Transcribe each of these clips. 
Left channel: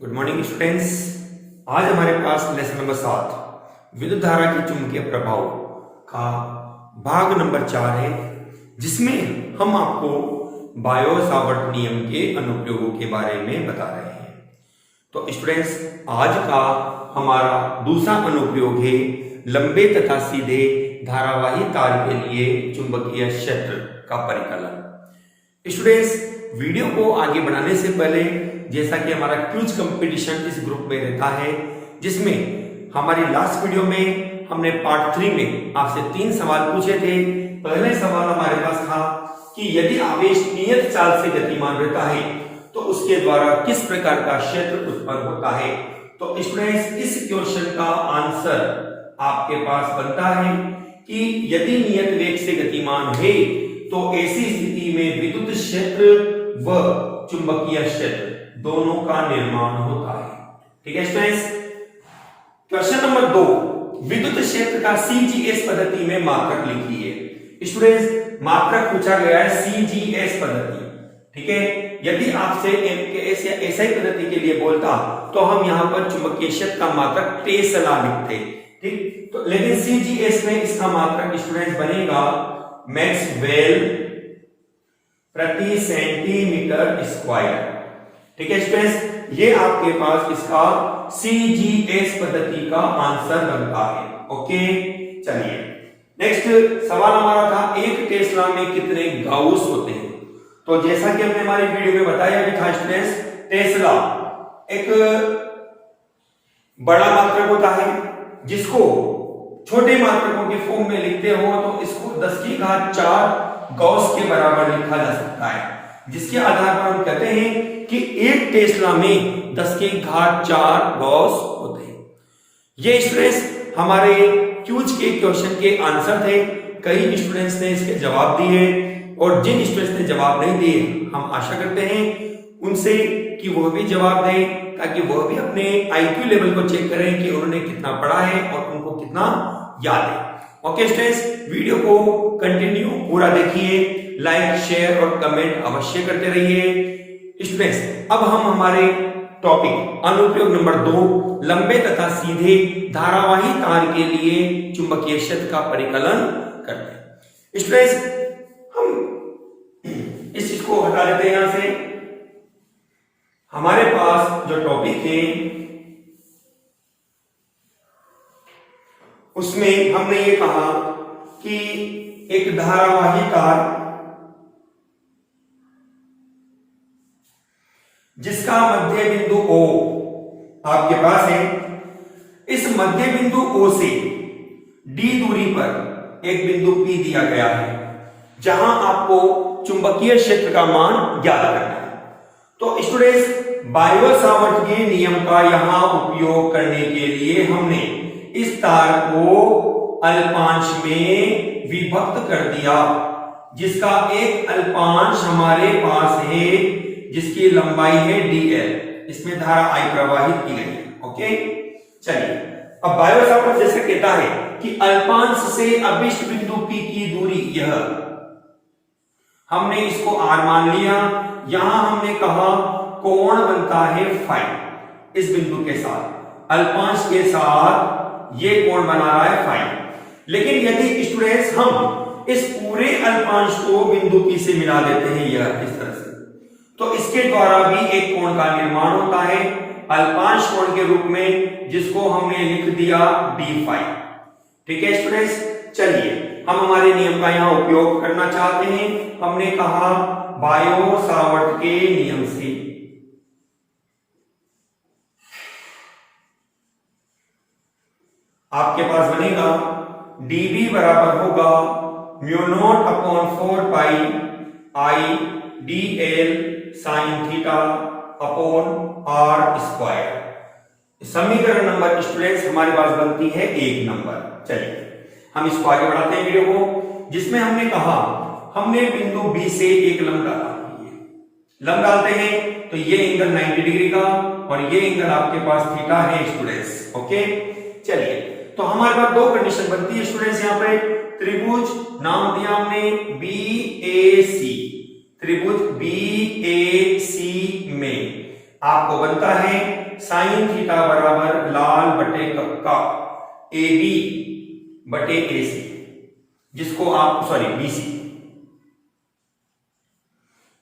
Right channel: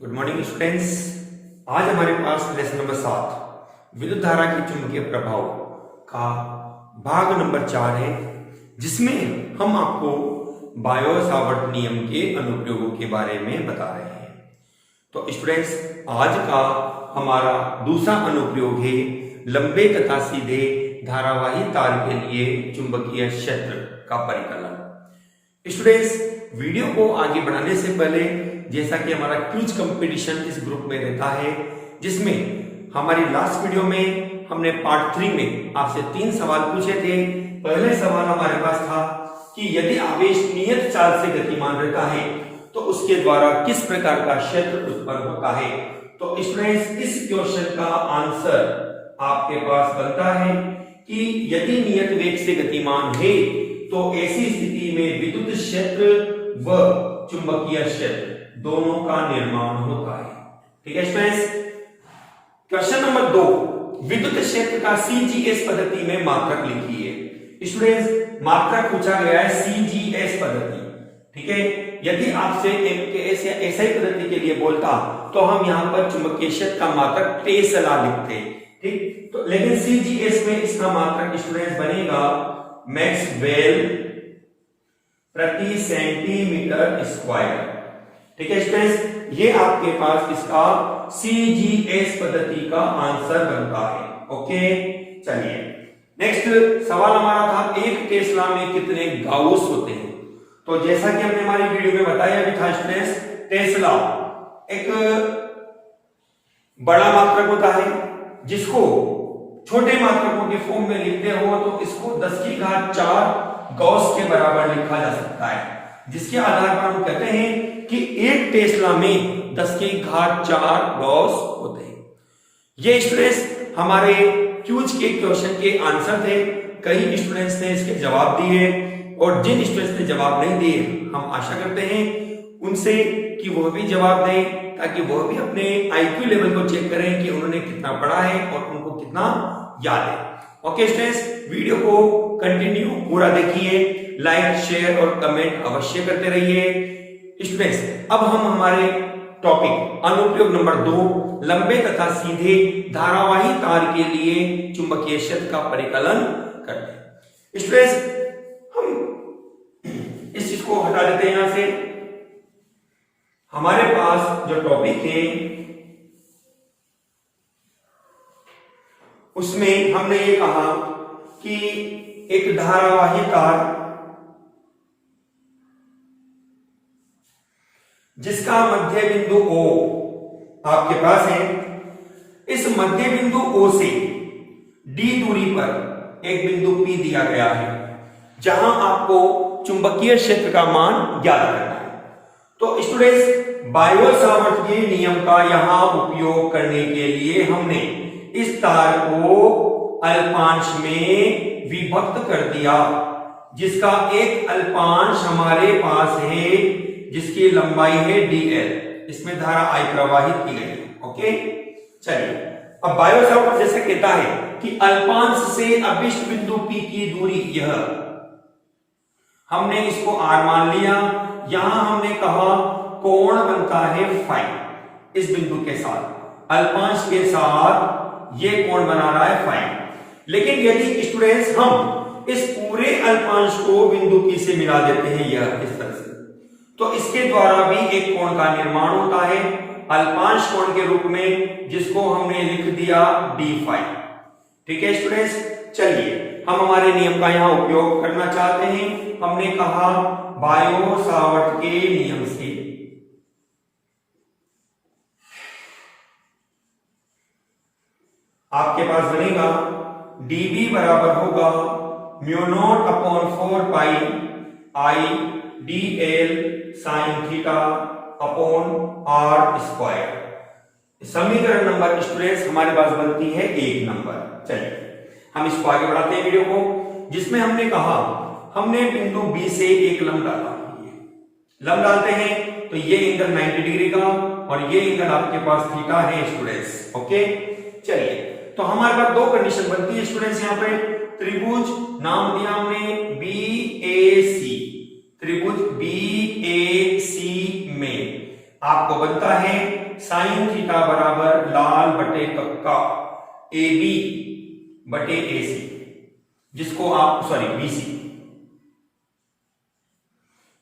Good morning students. आज हमारे पास lesson number 7 विद्युत धारा के चुंबकीय प्रभाव का भाग नंबर 4 है, जिसमें हम आपको बायो-सावर्त नियम के अनुप्रयोगों के बारे में बता रहे हैं। तो स्टूडेंट्स, आज का हमारा दूसरा अनुप्रयोग है लंबे तथा सीधे धारावाही तार के लिए चुंबकीय क्षेत्र का परिकलन। स्टूडेंट्स, वीडियो को आगे बढ़ाने से पहले, जैसा कि हमारा क्विज कंपटीशन इस ग्रुप में रहता है, जिसमें हमारी लास्ट वीडियो में हमने पार्ट 3 में आपसे 3 सवाल पूछे थे। पहले सवाल हमारे पास था कि यदि आवेश नियत चाल से गतिमान रहता है तो उसके द्वारा किस प्रकार का क्षेत्र उत्पन्न होता है। तो स्टूडेंट्स, इस क्वेश्चन का आंसर आपके पास बनता है कि यदि नियत वेग से गतिमान है तो ऐसी स्थिति में विद्युत क्षेत्र व चुंबकीय क्षेत्र दोनों का निर्माण होता है। ठीक है स्टूडेंट्स। क्वेश्चन नंबर 2, विद्युत क्षेत्र का सीजीएस पद्धति में मात्रक लिखिए। स्टूडेंट्स, मात्रक पूछा गया है सीजीएस पद्धति। ठीक है, यदि आपसे एमकेएस या एसआई पद्धति के लिए बोलता तो हम यहां पर चुंबकीय क्षेत्र का मात्रक टेस्ला लिखते। ठीक, तो लेकिन सीजीएस में इसका मात्रक स्टूडेंट्स बनेगा मैक्सवेल प्रति सेंटीमीटर स्क्वायर। ठीक है स्टूडेंट्स, ये आपके पास इसका सीजीएस पद्धति का आंसर बनता है। ओके, चलिए नेक्स्ट सवाल हमारा था, एक टेस्ला में कितने गाउस होते हैं। तो जैसा कि हमने हमारी वीडियो में बताया भी था स्टूडेंट्स, टेस्ला एक बड़ा मात्रक होता है जिसको छोटे मात्रकों के फॉर्म में लिखते हो तो इसको 10⁴ गॉस के बराबर लिखा जा सकता है, जिसके आधार पर हम कहते हैं कि एक टेस्ला में 10⁴ गॉस होते हैं। ये स्टूडेंट्स हमारे क्विज के क्वेश्चन के आंसर थे। कई स्टूडेंट्स ने इसके जवाब दिए और जिन स्टूडेंट्स ने जवाब नहीं दिए, हम आशा करते हैं उनसे कि वह भी जवाब दें, ताकि वह भी अपने आईक्यू लेवल को चेक करें कि उन्होंने कितना पढ़ा है और उनको कितना याद है। ओके स्टूडेंट्स, वीडियो को कंटिन्यू पूरा देखिए, लाइक शेयर और कमेंट अवश्य करते रहिए। स्टूडेंट्स, अब हम हमारे टॉपिक अनुप्रयोग नंबर 2 लंबे तथा सीधे धारावाही तार के लिए चुंबकीय क्षेत्र का परिकलन करते हैं। स्टूडेंट्स, हम इस चीज को हटा देते हैं यहां से। हमारे पास जो टॉपिक है उसमें हमने ये कहा कि एक धारावाही तार जिसका मध्य बिंदु O आपके पास है, इस मध्य बिंदु O से D दूरी पर एक बिंदु P दिया गया है, जहां आपको चुंबकीय क्षेत्र का मान ज्ञात करना है। तो स्टूडेंट्स, बायो-सावर्त के नियम का यहां उपयोग करने के लिए हमने इस तार को अल्पांश में विभक्त कर दिया, जिसका एक अल्पांश हमारे पास है जिसकी लंबाई है dl। इसमें धारा I प्रवाहित की गई है। ओके, चलिए अब बायो-सावर्त जैसे कहता है कि अल्पांश से अभिष्ट बिंदु P की दूरी यह, हमने इसको r मान लिया। यहां हमने कहा कोण बनता है फाई इस बिंदु के साथ, अल्पांश के साथ ये कोण बना रहा है फाई। लेकिन यदि स्टूडेंट्स हम इस पूरे अल्पांश को बिंदु P से मिला देते हैं यह इस तरह से, तो इसके द्वारा भी एक कोण का निर्माण होता है अल्पांश कोण के रूप में, जिसको हमने लिख दिया d फाई। ठीक है स्टूडेंट्स, चलिए हम हमारे नियम का यहां उपयोग करना चाहते हैं। हमने कहा बायो-सावर्त के नियम से आपके पास बनेगा dB बराबर होगा μ0/4 पाई I dl sin theta upon r square. समीकरण नंबर स्टूडेंट्स हमारे पास बनती है 1 नंबर। चलिए हम इसको आगे बढ़ाते हैं वीडियो को, जिसमें हमने कहा हमने बिंदु B से एक लंब डाला। लंब डालते हैं तो ये एंगल 90 डिग्री का और ये एंगल आपके पास थीटा है स्टूडेंट्स। ओके, चलिए तो हमारे पास 2 कंडीशन बनती है स्टूडेंट्स। यहाँ पे त्रिभुज नाम दिया हमने BAC, त्रिभुज BAC में आपको बनता है साइन थीटा बराबर लाल बटे कक्का ए बी बटे ए सी, जिसको आप बीसी,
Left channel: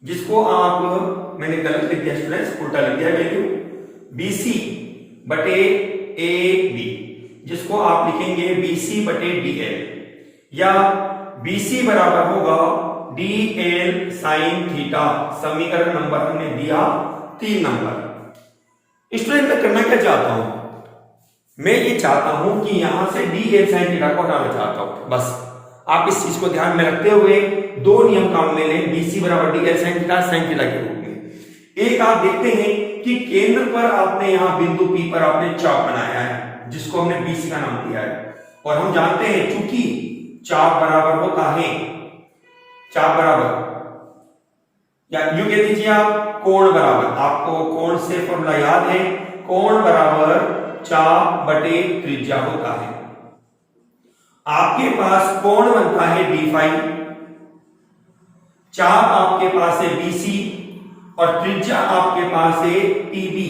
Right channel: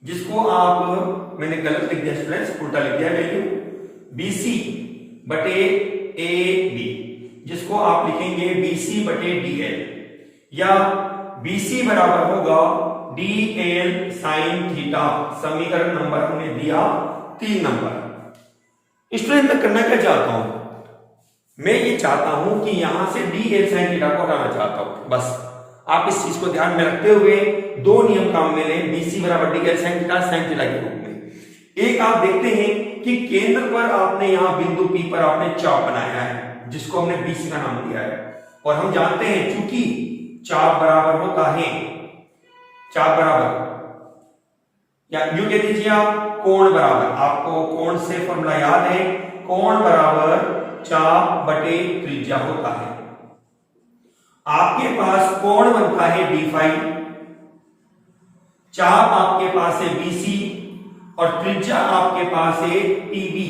जिसको आप मैंने गलत लिख दिया स्टूडेंट्स, उल्टा लिख दिया वैल्यू, बीसी बटे ए बी, जिसको आप लिखेंगे बीसी बटे डीएल, या बीसी बराबर होगा डीएल साइन थीटा। समीकरण नंबर हमने दिया 3 नंबर। स्टूडेंट मैं करना क्या चाहता हूं, मैं ये चाहता हूं कि यहां से डीएल साइन थीटा को हटाना चाहता हूं। बस आप इस चीज को ध्यान में रखते हुए 2 नियम काम में लें, बीसी बराबर डीएल साइन थीटा के रूप में। एक आप देखते हैं कि केंद्र पर आपने यहां बिंदु P पर आपने चाप बनाया है, जिसको हमने बीसी का नाम दिया है, और हम जानते हैं चूंकि चाप बराबर होता है, चाप बराबर या यूं कह दीजिए आप कोण बराबर, आपको कोण से फॉर्मूला याद है, कोण बराबर चाप बटे त्रिज्या होता है। आपके पास कोण बनता है डी फाई, चाप आपके पास है बीसी, और त्रिज्या आपके पास है टीबी,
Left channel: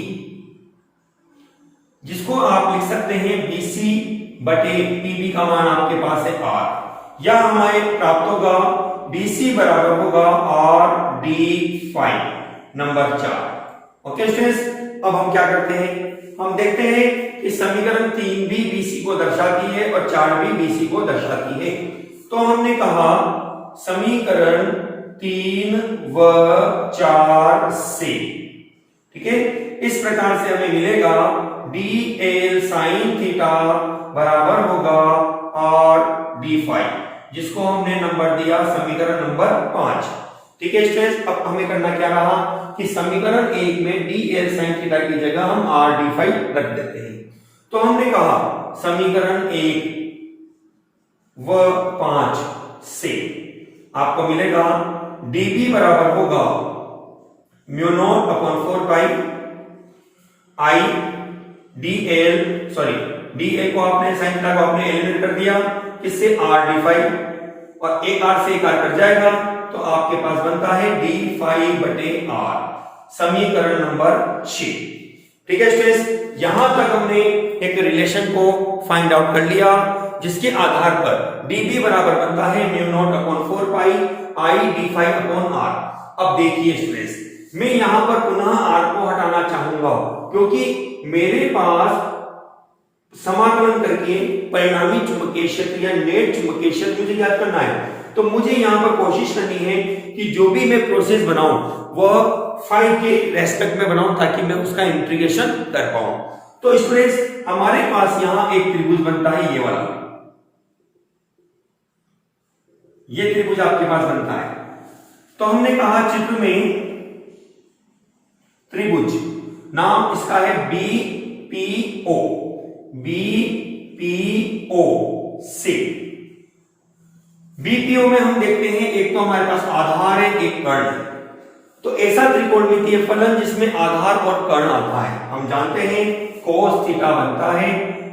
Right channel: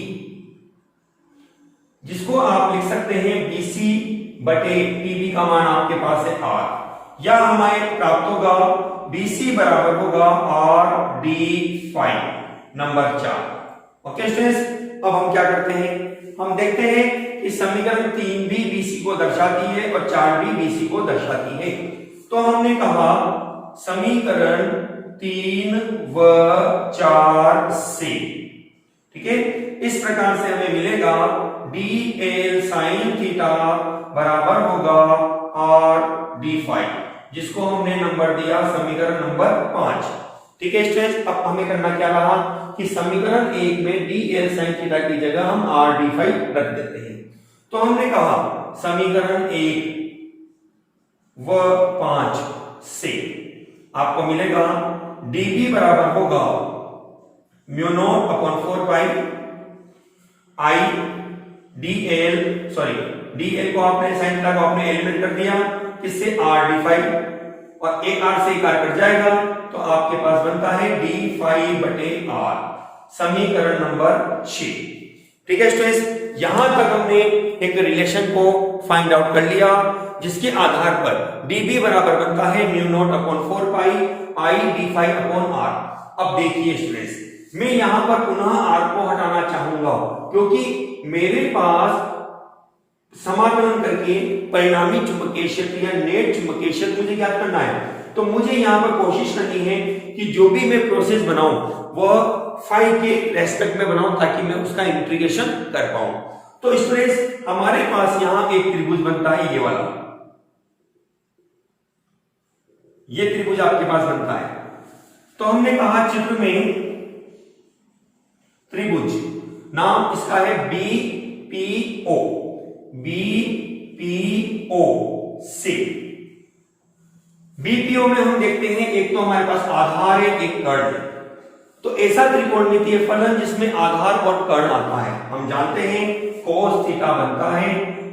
जिसको आप लिख सकते हैं बीसी बटे टीबी का मान आपके पास है आर, या हमारे प्राप्त होगा बीसी बराबर होगा R d phi number 4। Okay students, अब हम क्या करते हैं, हम देखते हैं कि समीकरण 3 भी बीसी को दर्शाती है और 4 भी बीसी को दर्शाती है। तो हमने कहा समीकरण 3 व 4 से, ठीक है, इस प्रकार से हमें मिलेगा डी एल साइन थीटा बराबर होगा आर डी फाई, जिसको हमने नंबर दिया समीकरण नंबर 5। ठीक है स्टूडेंट्स, अब हमें करना क्या रहा कि समीकरण 1 में डी एल साइन थीटा की जगह हम आर डी फाई रख देते हैं। तो हमने कहा समीकरण 1 व 5 से आपको मिलेगा dB बराबर होगा म्यू नॉट अपॉन 4 पाई आई dl, dl को आपने साइन थीटा को आपने एलिमिनेट कर दिया, इससे आर डी फाई, और एक आर से एक आर कट जाएगा, तो आपके पास बनता है डी फाई बटे आर, समीकरण नंबर 6। ठीक है स्टूडेंट्स, यहां तक हमने एक रिलेशन को फाइंड आउट कर लिया, जिसके आधार पर dB बराबर बनता है mu naught upon 4 pi I d phi upon R. अब देखिए स्टूडेंट्स, मैं यहां पर पुनः आर को हटाना चाहूंगा, क्योंकि मेरे पास समाकलन करके परिणामी चुंबकीय क्षेत्र या नेट चुंबकीय क्षेत्र मुझे ज्ञात करना है। तो मुझे यहां पर कोशिश करनी है कि जो भी मैं प्रोसेस बनाऊं वह फाई के रेस्पेक्ट में बनाऊं, ताकि मैं उसका इंटीग्रेशन कर पाऊं। तो स्टूडेंट्स, हमारे पास यहां एक त्रिभुज बनता है, ये वाला, ये त्रिभुज आपके पास बनता है। तो हमने कहा चित्र में त्रिभुज, नाम इसका है बीपीओ, बीपीओ से। बीपीओ में हम देखते हैं एक तो हमारे पास आधार है, एक कर्ण है। तो ऐसा त्रिकोणमितीय फलन जिसमें आधार और कर्ण आता है, हम जानते हैं कोस थीटा बनता है,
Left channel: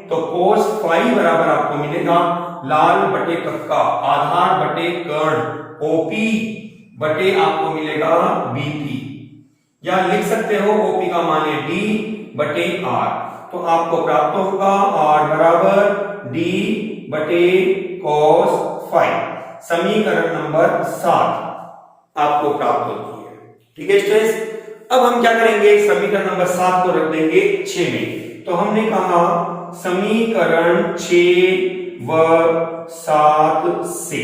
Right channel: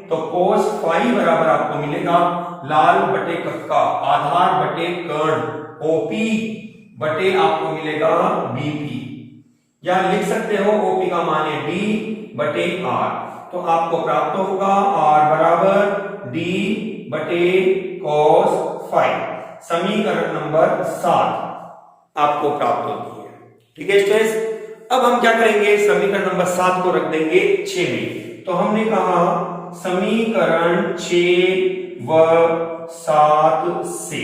तो कोस फाई बराबर आपको मिलेगा लाल बटे कक्का आधार बटे कर्ण ओपी बटे आपको मिलेगा बीपी, या लिख सकते हो ओपी का मान है डी बटे आर, तो आपको प्राप्त होगा आर बराबर डी बटे कॉस फाई, समीकरण नंबर 7 आपको प्राप्त होती है। ठीक है स्टूडेंट्स, अब हम क्या करेंगे, समीकरण नंबर 7 को रख देंगे 6 में। तो हमने कहा समीकरण 6 व 7 से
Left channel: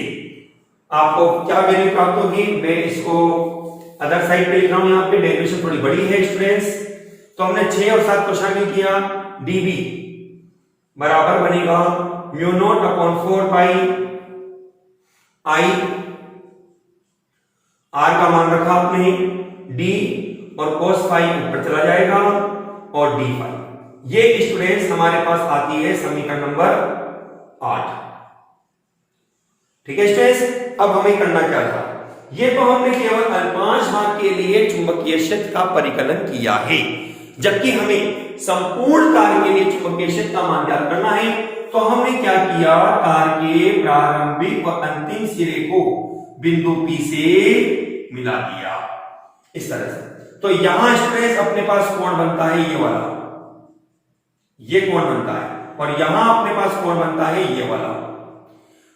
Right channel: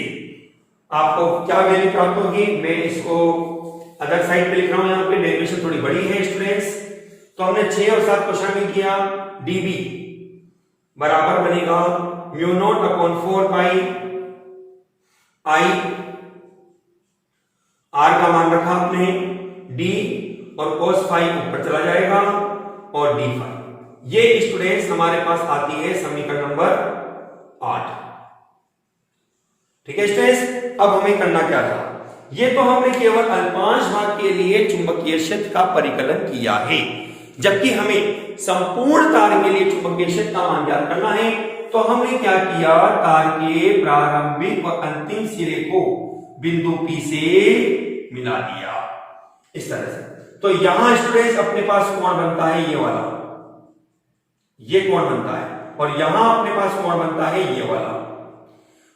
आपको क्या वैल्यू प्राप्त होगी, मैं इसको अदर साइड पे लिख रहा हूं, यहां पे डेरिवेशन थोड़ी बड़ी है स्टूडेंट्स। तो हमने 6 और 7 को शामिल किया, dB बराबर बनेगा mu naught upon 4 pi I, R का मान रखा आपने d, और cos फाई ऊपर चला जाएगा, और d फाई। ये स्टूडेंट्स हमारे पास आती है समीकरण नंबर 8। ठीक है स्टूडेंट्स, अब हमें करना क्या था, ये तो हमने केवल अल्पांश भाग के लिए चुंबकीय क्षेत्र का परिकलन किया है, जबकि हमें संपूर्ण तार के लिए चुंबकीय क्षेत्र का मान ज्ञात करना है। तो हमने क्या किया, तार के प्रारंभिक और अंतिम सिरे को बिंदु P से मिला दिया इस तरह से। तो यहां स्टूडेंट्स अपने पास कोण बनता है ये वाला, ये कोण बनता है, और यहां अपने पास कोण बनता है ये वाला।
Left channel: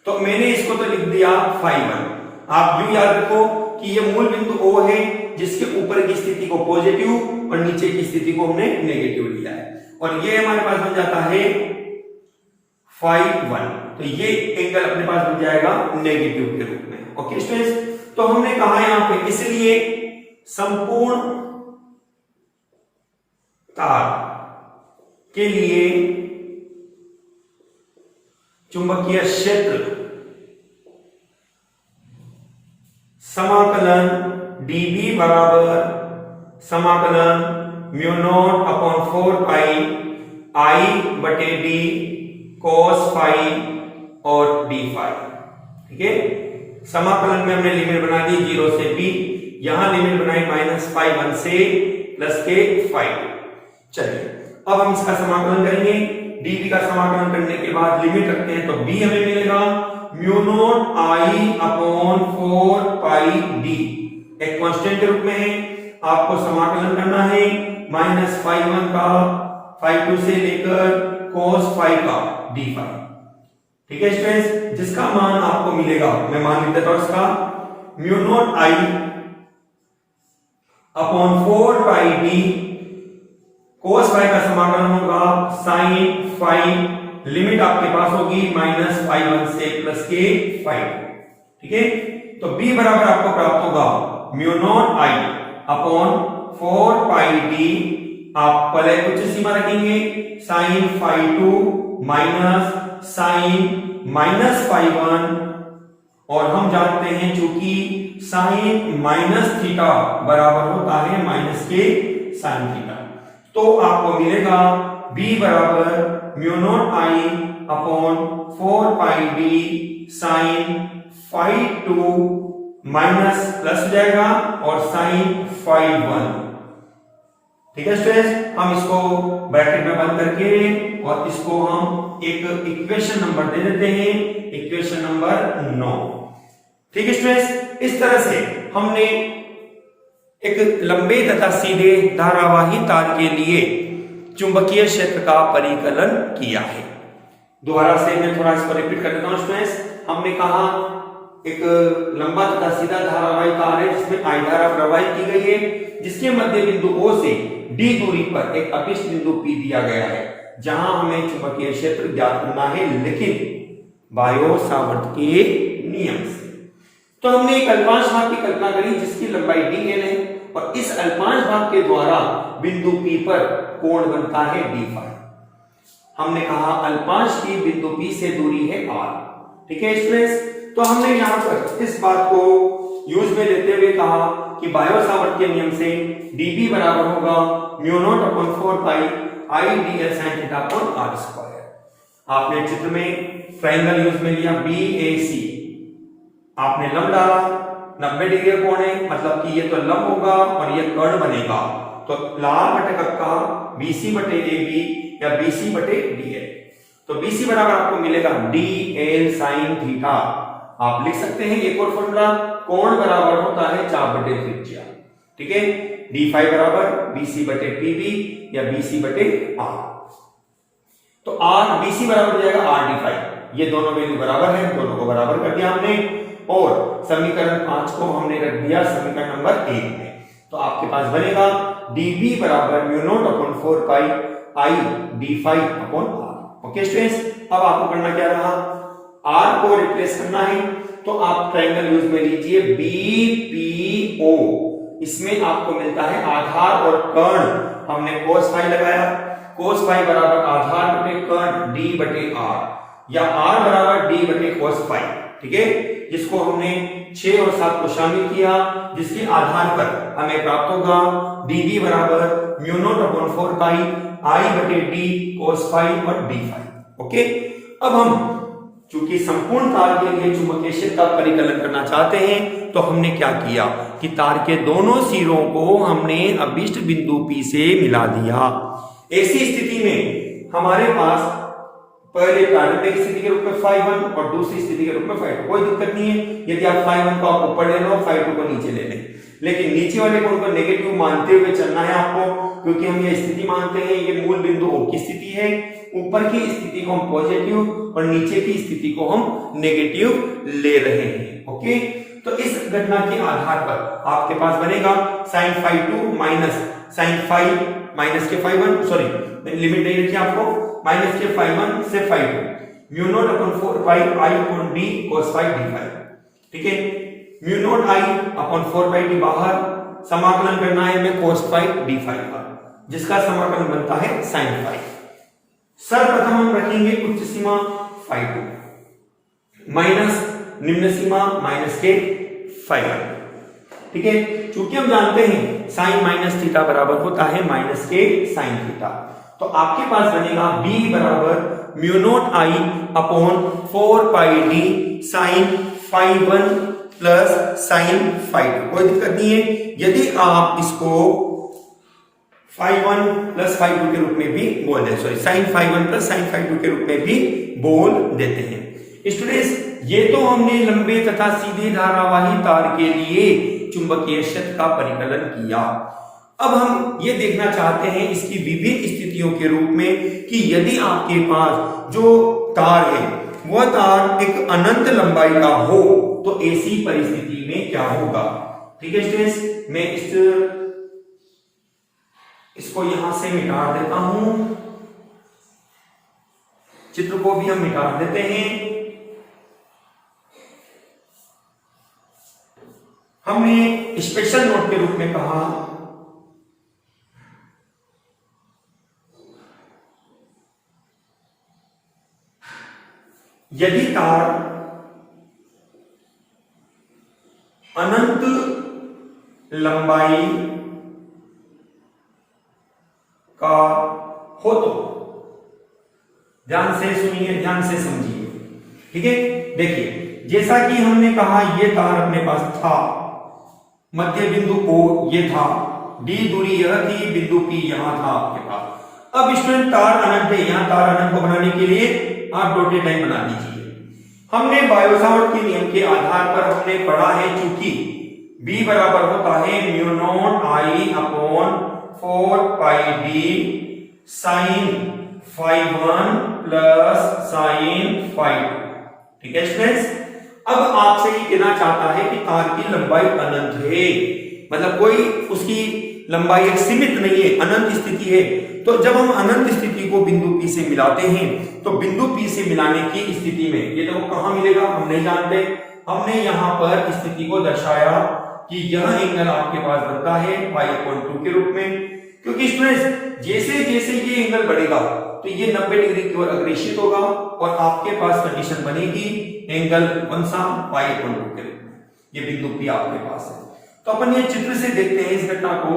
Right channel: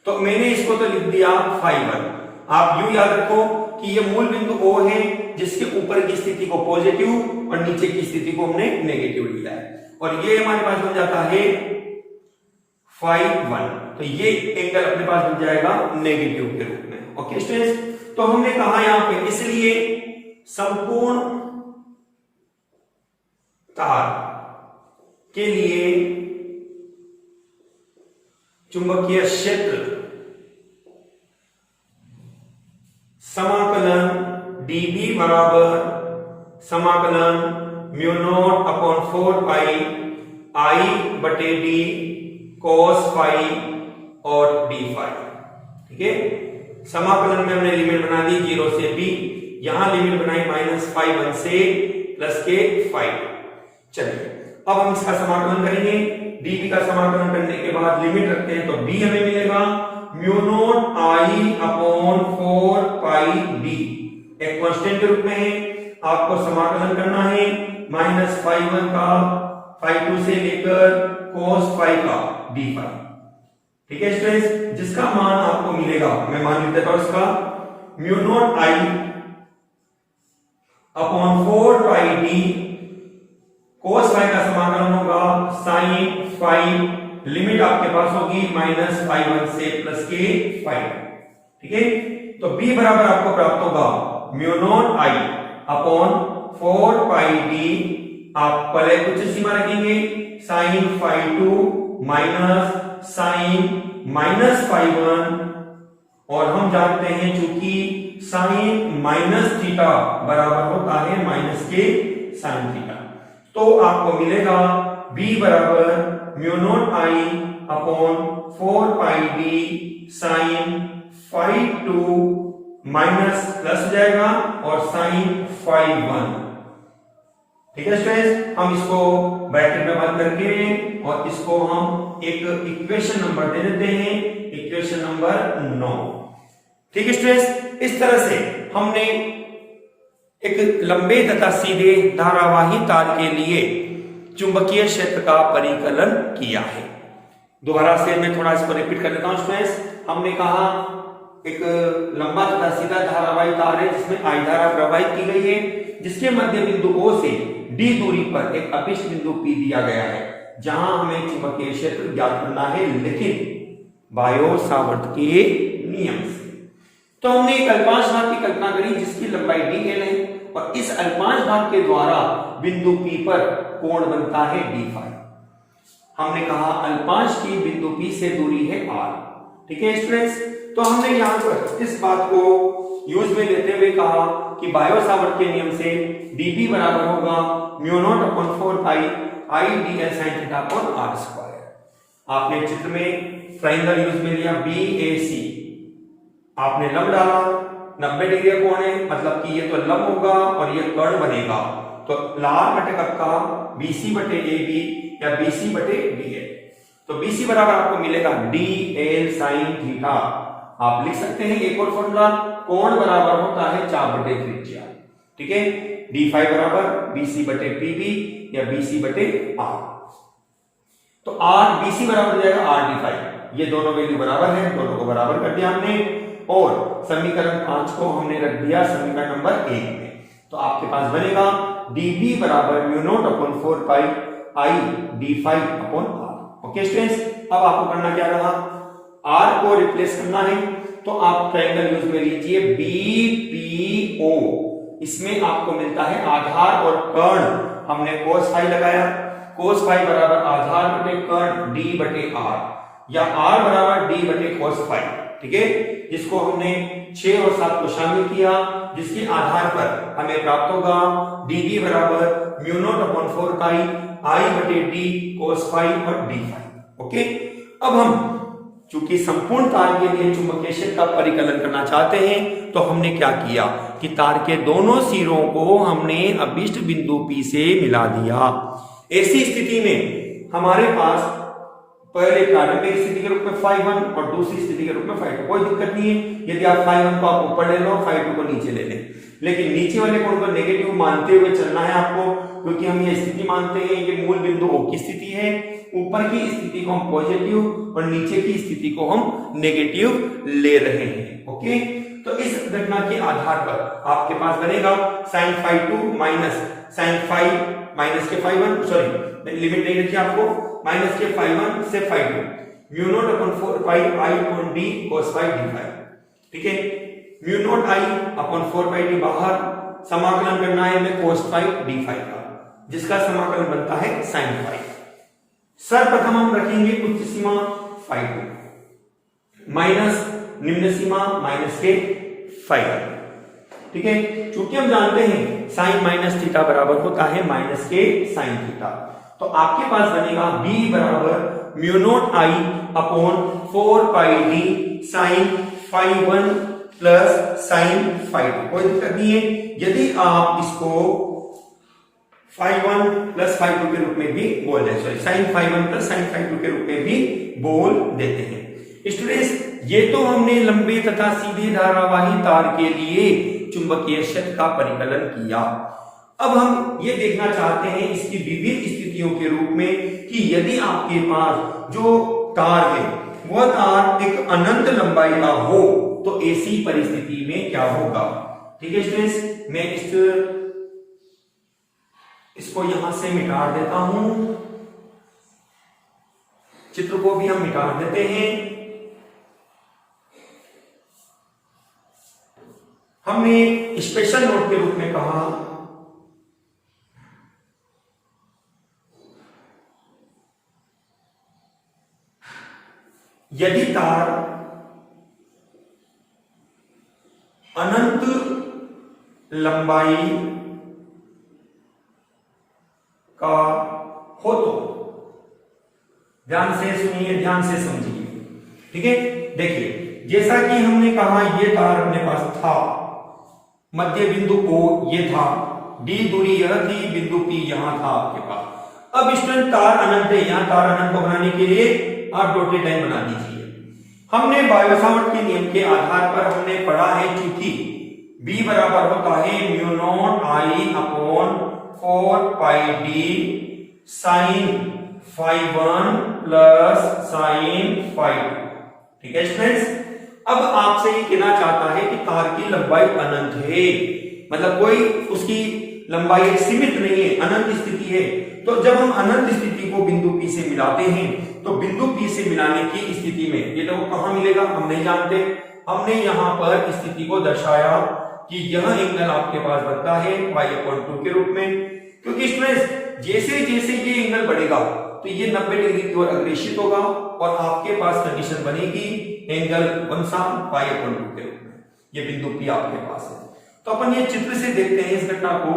तो मैंने इसको तो लिख दिया φ1। आप यूं याद रखो कि ये मूल बिंदु O है, जिसके ऊपर की स्थिति को पॉजिटिव और नीचे की स्थिति को हमने नेगेटिव लिया है, और ये हमारे पास बन जाता है φ1। तो ये एंगल अपने पास बन जाएगा नेगेटिव के रूप में। ओके स्टूडेंट्स, तो हमने कहा यहां पे इसलिए संपूर्ण तार के लिए चुंबकीय क्षेत्र समाकलन dB बराबर समाकलन mu naught upon 4 pi I बटे d cos फाई और d फाई। ठीक है, समाकलन में हमने लिमिट बना दी 0 से b, यहां लिमिट बनाई -φ1 से प्लस के φ2। चलिए अब हम इसका समाकलन करेंगे। dB का समाकलन करने के बाद लिमिट रखते हैं, तो b हमें मिलेगा mu naught I upon 4 pi d, एक कांस्टेंट के रूप में है। आपको समाकलन करना है -φ1 का φ2 से लेकर cos फाई का d फाई। ठीक है स्टूडेंट्स, जिसका मान आपको मिलेगा, मैं मान लिख देता हूं इसका, mu naught I upon 4 pi d, cos phi का समाकलन होगा sin फाई, लिमिट आपके पास होगी -φ1 से प्लस के फाई। ठीक है, तो b बराबर आपको प्राप्त होगा mu naught I upon 4 pi d, आप पहले कुछ सीमा रखेंगे sin φ2 माइनस sin -φ1, और हम जानते हैं चूंकि sin माइनस थीटा बराबर होता है माइनस के sin थीटा, तो आपको मिलेगा b बराबर mu naught I upon 4 pi d sin φ2 minus plus हो जाएगा और sin φ1। ठीक है स्टूडेंट्स, हम इसको ब्रैकेट में बंद करके और इसको हम एक इक्वेशन नंबर दे देते हैं, इक्वेशन नंबर 9। ठीक है स्टूडेंट्स, इस तरह से हमने एक लंबे तथा सीधे धारावाही तार के लिए चुंबकीय क्षेत्र का परिकलन किया है। दोबारा से मैं थोड़ा इसको रिपीट कर देता हूं स्टूडेंट्स। हमने कहा एक लंबा तथा सीधा धारावाही तार है जिसमें I धारा प्रवाहित की गई है, जिसके मध्य बिंदु O से D दूरी पर एक अपिष्ट बिंदु P दिया गया है, जहां हमें चुंबकीय क्षेत्र ज्ञात करना है, लेकिन बायो सावर्त के नियम से। तो हमने एक अल्पांश भाग की कल्पना करी जिसकी लंबाई dl है, और इस अल्पांश भाग के द्वारा बिंदु P पर कोण बनता है d फाई। हमने कहा अल्पांश की बिंदु P से दूरी है r। ठीक है स्टूडेंट्स, तो हमने यहां पर इस बात को यूज में लेते हुए कहा कि बायो सावर्त के नियम से dB बराबर होगा mu naught upon 4 pi I dl sin theta upon r square. आपने चित्र में ट्रायंगल यूज में लिया BAC, आपने लंब डाला, 90 डिग्री का कोण है, मतलब कि ये तो लंब होगा और ये कर्ण बनेगा, तो लाल घटक का BC बटे AB या BC बटे DL। तो BC बराबर आपको मिलेगा DL sin थीटा। आप लिख सकते हैं एक और फॉर्मूला, कोण बराबर होता है 4 बटे त्रिज्या। ठीक है, d फाई बराबर BC बटे PB या BC बटे R। तो R BC बराबर हो जाएगा R d फाई। ये दोनों वैल्यू बराबर है, दोनों को बराबर कर दिया हमने, और समीकरण 5 को हमने रख दिया समीकरण नंबर 1 में। तो आपके पास बनेगा dB बराबर mu naught upon 4 pi I d phi upon R। Okay students, अब आपको करना क्या रहा, R को रिप्लेस करना है, तो आप ट्रायंगल यूज में लीजिए BPO। इसमें आपको मिलता है आधार और कर्ण, हमने cos फाई लगाया, cos फाई बराबर आधार बटे कर्ण d बटे r, या r बराबर d बटे cos फाई। ठीक है, जिसको हमने 6 और 7 को शामिल किया, जिसके आधार पर हमें प्राप्त होगा dB बराबर mu naught upon 4 pi I बटे d cos फाई और d फाई। ओके, अब हम चूंकि संपूर्ण तार के लिए चुंबकीय क्षेत्र का परिकलन करना चाहते हैं, तो हमने क्या किया कि तार के दोनों सिरों को हमने अभिष्ट बिंदु P से मिला दिया। ऐसी स्थिति में हमारे पास पहले प्रारंभिक स्थिति के रूप में φ1 और दूसरी स्थिति के रूप में φ2, कोई दिक्कत नहीं है। यदि आप φ1 को आप ऊपर ले लो, φ2 को नीचे ले लें, लेकिन नीचे वाले कोण को नेगेटिव मानते हुए चलना है आपको, क्योंकि हम ये स्थिति मानते हैं ये मूल बिंदु O की स्थिति है। ऊपर की स्थिति को हम पॉजिटिव और नीचे की स्थिति को हम नेगेटिव ले रहे हैं। ओके, तो इस घटना के आधार पर आपके पास बनेगा sin φ2 माइनस sin माइनस के φ1, सॉरी लिमिट नहीं रखी आपको, माइनस के φ1 से φ2 mu naught upon 4 pi i upon d cos phi d phi। ठीक है, mu naught i upon 4 pi d बाहर, समाकलन करना है हमें cos phi d phi का, जिसका समाकलन बनता है sin phi। सर्वप्रथम हम रखेंगे उच्च सीमा φ2 माइनस निम्न सीमा माइनस के φ1। ठीक है, चूंकि हम जानते हैं साइन माइनस थीटा बराबर होता है माइनस के साइन थीटा, तो आपके पास बनेगा b बराबर mu naught i upon 4 pi d sine φ1 plus sine φ2। कोई दिक्कत नहीं है। यदि आप इसको φ1 प्लस φ2 के रूप में भी बोल दें, सॉरी साइन φ1 प्लस साइन φ2 के रूप में भी बोल देते हैं। स्टूडेंट्स, ये तो हमने लंबे तथा सीधे धारावाही तार के लिए चुंबकीय क्षेत्र का परिकलन किया। अब हम ये देखना चाहते हैं इसकी विभिन्न स्थितियों के रूप में कि यदि आपके पास जो तार है वह तार एक अनंत लंबाई का हो तो ऐसी परिस्थिति में क्या होगा। ठीक है स्टूडेंट्स, मैं इसको यहां से मिटा देता हूं, चित्र को भी हम मिटा देते हैं। हमने स्पेशल नोट के रूप में कहा यदि तार अनंत लंबाई का हो तो, ध्यान से सुनिए, ध्यान से समझिए। ठीक है, देखिए जैसा कि हमने कहा ये तार अपने पास था, मध्य बिंदु O ये था, D दूरी यह थी, बिंदु P यहां था आपके पास। अब स्टूडेंट तार अनंत है, यहां तार अनंत को बनाने के लिए आप डॉटेड लाइन बना दीजिए। हमने बायो-सावर्ट के नियम के आधार पर हमने पढ़ा है चूंकि B बराबर होता है mu naught I upon 4 pi d sine φ1 plus sine φ2। ठीक है स्टूडेंट्स, अब आपसे ये कहना चाहता है कि तार की लंबाई अनंत है, मतलब कोई उसकी लंबाई एक सीमित नहीं है, अनंत स्थिति है। तो जब हम अनंत स्थिति को बिंदु P से मिलाते हैं तो बिंदु P से मिलाने की स्थिति में ये देखो कहां मिलेगा हम नहीं जानते। हमने यहां पर स्थिति को दर्शाया कि यह एंगल आपके पास बनता है π/2 के रूप में, क्योंकि स्टूडेंट्स जैसे जैसे ये एंगल बढ़ेगा तो ये 90 डिग्री की ओर अग्रेसित होगा और आपके पास कंडीशन बनेगी एंगल कौन सा π/2 के रूप में। ये बिंदु P आपके पास है। तो अपन ये चित्र से देखते हैं इस घटना को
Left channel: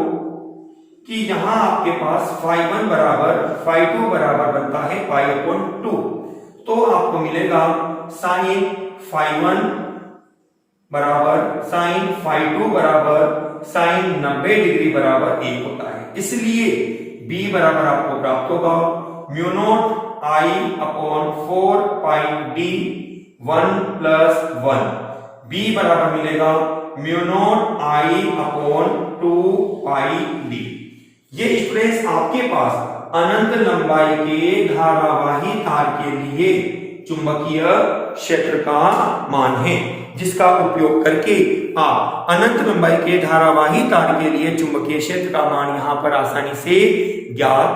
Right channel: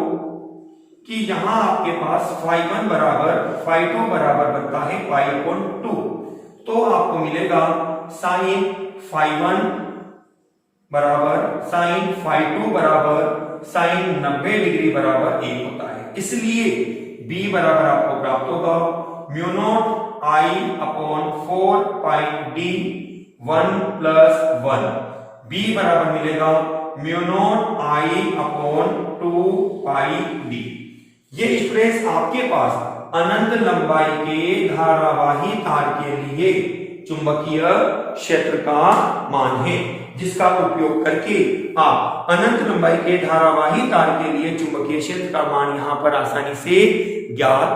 कि यहां आपके पास φ1 बराबर φ2 बराबर बनता है π/2, तो आपको मिलेगा साइन φ1 बराबर साइन φ2 बराबर साइन 90 डिग्री बराबर 1 होता है। इसलिए B बराबर आपको प्राप्त होगा mu naught I upon 4 pi d 1 plus 1। B बराबर मिलेगा mu naught I upon 2 pi d। ये स्टूडेंट्स आपके पास अनंत लंबाई के धारावाही तार के लिए चुंबकीय क्षेत्र का मान है, जिसका उपयोग करके आप अनंत लंबाई के धारावाही तार के लिए चुंबकीय क्षेत्र का मान यहां पर आसानी से ज्ञात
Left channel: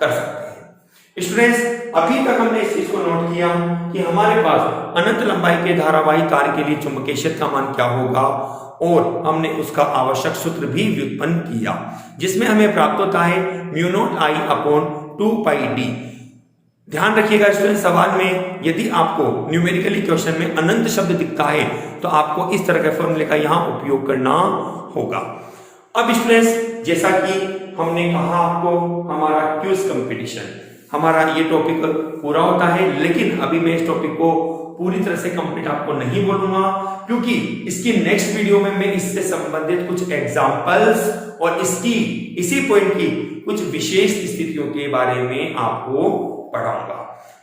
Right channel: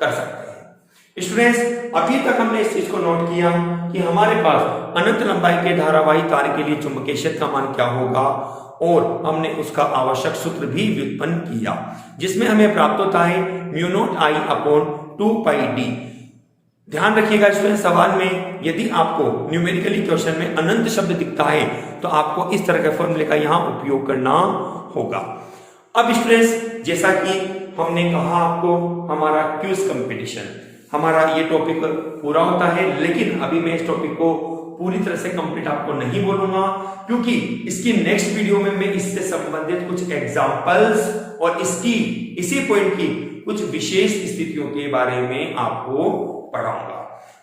कर सकते हैं। स्टूडेंट्स, अभी तक हमने इस चीज को नोट किया कि हमारे पास अनंत लंबाई के धारावाही तार के लिए चुंबकीय क्षेत्र का मान क्या होगा और हमने उसका आवश्यक सूत्र भी व्युत्पन्न किया, जिसमें हमें प्राप्त होता है mu naught I upon 2 pi d। ध्यान रखिएगा स्टूडेंट, सवाल में यदि आपको न्यूमेरिकली क्वेश्चन में अनंत शब्द दिखता है तो आपको इस तरह के फॉर्मूले का यहां उपयोग करना होगा। अब स्टूडेंट्स, जैसा कि हमने कहा आपको हमारा क्विज कंपटीशन, हमारा ये टॉपिक पूरा होता है, लेकिन अभी मैं इस टॉपिक को पूरी तरह से कंप्लीट आपको नहीं बोलूंगा, क्योंकि इसकी नेक्स्ट वीडियो में मैं इससे संबंधित कुछ एग्जांपल्स और इसी पॉइंट की कुछ विशेष स्थितियों के बारे में आपको पढ़ाऊंगा,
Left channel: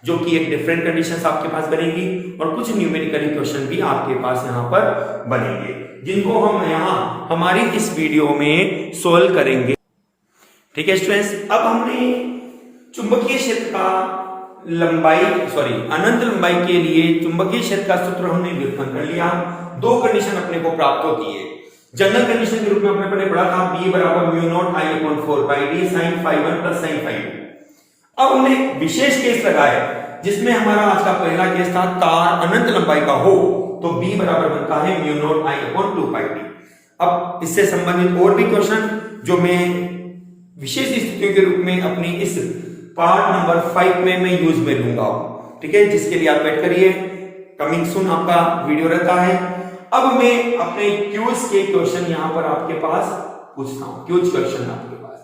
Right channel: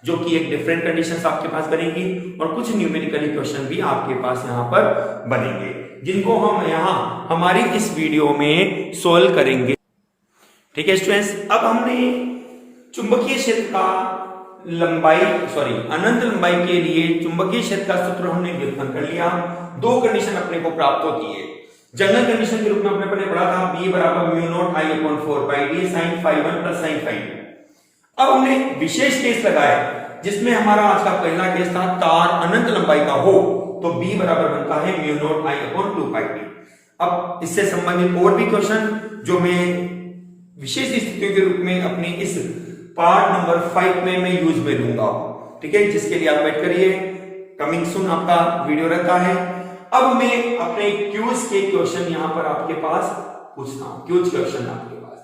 जो कि एक डिफरेंट कंडीशंस आपके पास बनेगी और कुछ न्यूमेरिकली क्वेश्चन भी आपके पास यहाँ पर बनेंगे, जिनको हम यहाँ हमारी इस वीडियो में सोल्व करेंगे। ठीक है स्टूडेंट्स, अब हमने चुंबकीय क्षेत्र का अनंत लंबाई के लिए चुंबकीय क्षेत्र का सूत्र हमने व्युत्पन्न कर लिया। दो कंडीशन अपने को प्राप्त होती है। जनरल कंडीशन के रूप में अपने पहले पढ़ा था B बराबर mu naught I upon 4 pi d sin phi 1 plus sin phi 2। अब हमने विशेष केस लगाया जिसमें हमारा आज का पहला केस था तार अनंत लंबाई का हो, तो B बराबर बनता है mu naught I upon 2 pi d। अब इससे संबंधित और भी क्वेश्चन जो मैं विशेष स्थितियों के रूप में अपनी इस पार्ट नंबर 5 में मैं यूज में लूंगा, ठीक है, जिसके लिए आप वेट करिए, कमिंग सून आपका वीडियो रहता है। अब मैं अपने क्यूज के क्वेश्चन यहां पर आपके पास पूछता हूं, क्यूज क्वेश्चन आपके पास।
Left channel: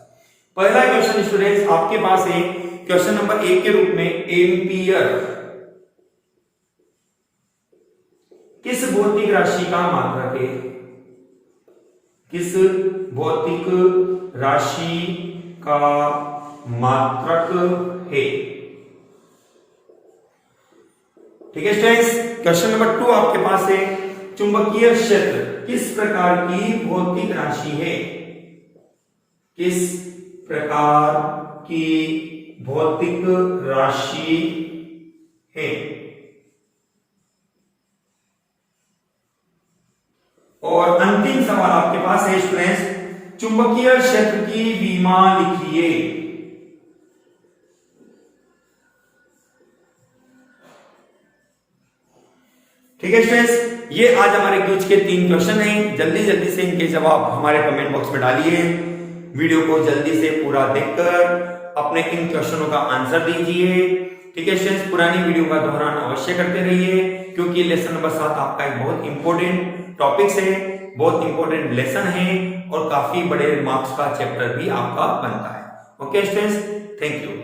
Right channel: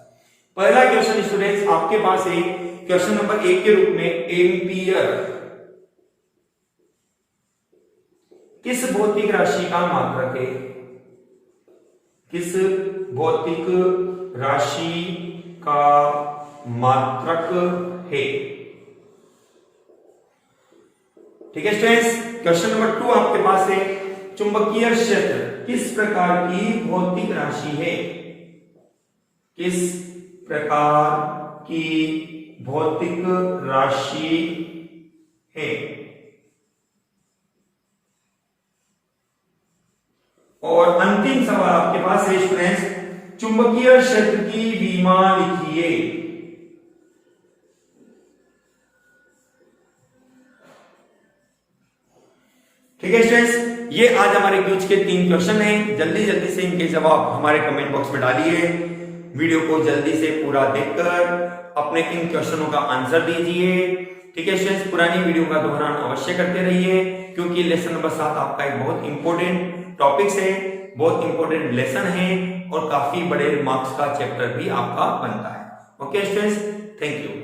पहला क्वेश्चन स्टूडेंट्स आपके पास है क्वेश्चन नंबर 1 के रूप में, एम्पियर किस भौतिक राशि का मात्रक है? किस भौतिक राशि का मात्रक है? ठीक है स्टूडेंट्स, क्वेश्चन नंबर 2 आपके पास है चुंबकीय क्षेत्र किस प्रकार की भौतिक राशि है? किस प्रकार की भौतिक राशि है? और अंतिम सवाल आपके पास है स्टूडेंट्स, चुंबकीय क्षेत्र की विमा लिखिए। ठीक है स्टूडेंट्स, ये आज हमारे क्यूज के 3 क्वेश्चन हैं। जल्दी जल्दी से इनके जवाब हमारे कमेंट बॉक्स में डालिए। वीडियो को जल्दी से पूरा देखकर अपने इन क्वेश्चनों का आंसर दीजिए। ठीक है स्टूडेंट्स, पुरानी वीडियो का दोहरान अवश्य करते रहिए, क्योंकि लेसन नंबर 7 आपका एक बहुत इंपॉर्टेंट टॉपिक्स है, बहुत इंपॉर्टेंट लेसन है और काफी बड़े मार्क्स का चैप्टर भी आपका बनता है। Okay students, thank you.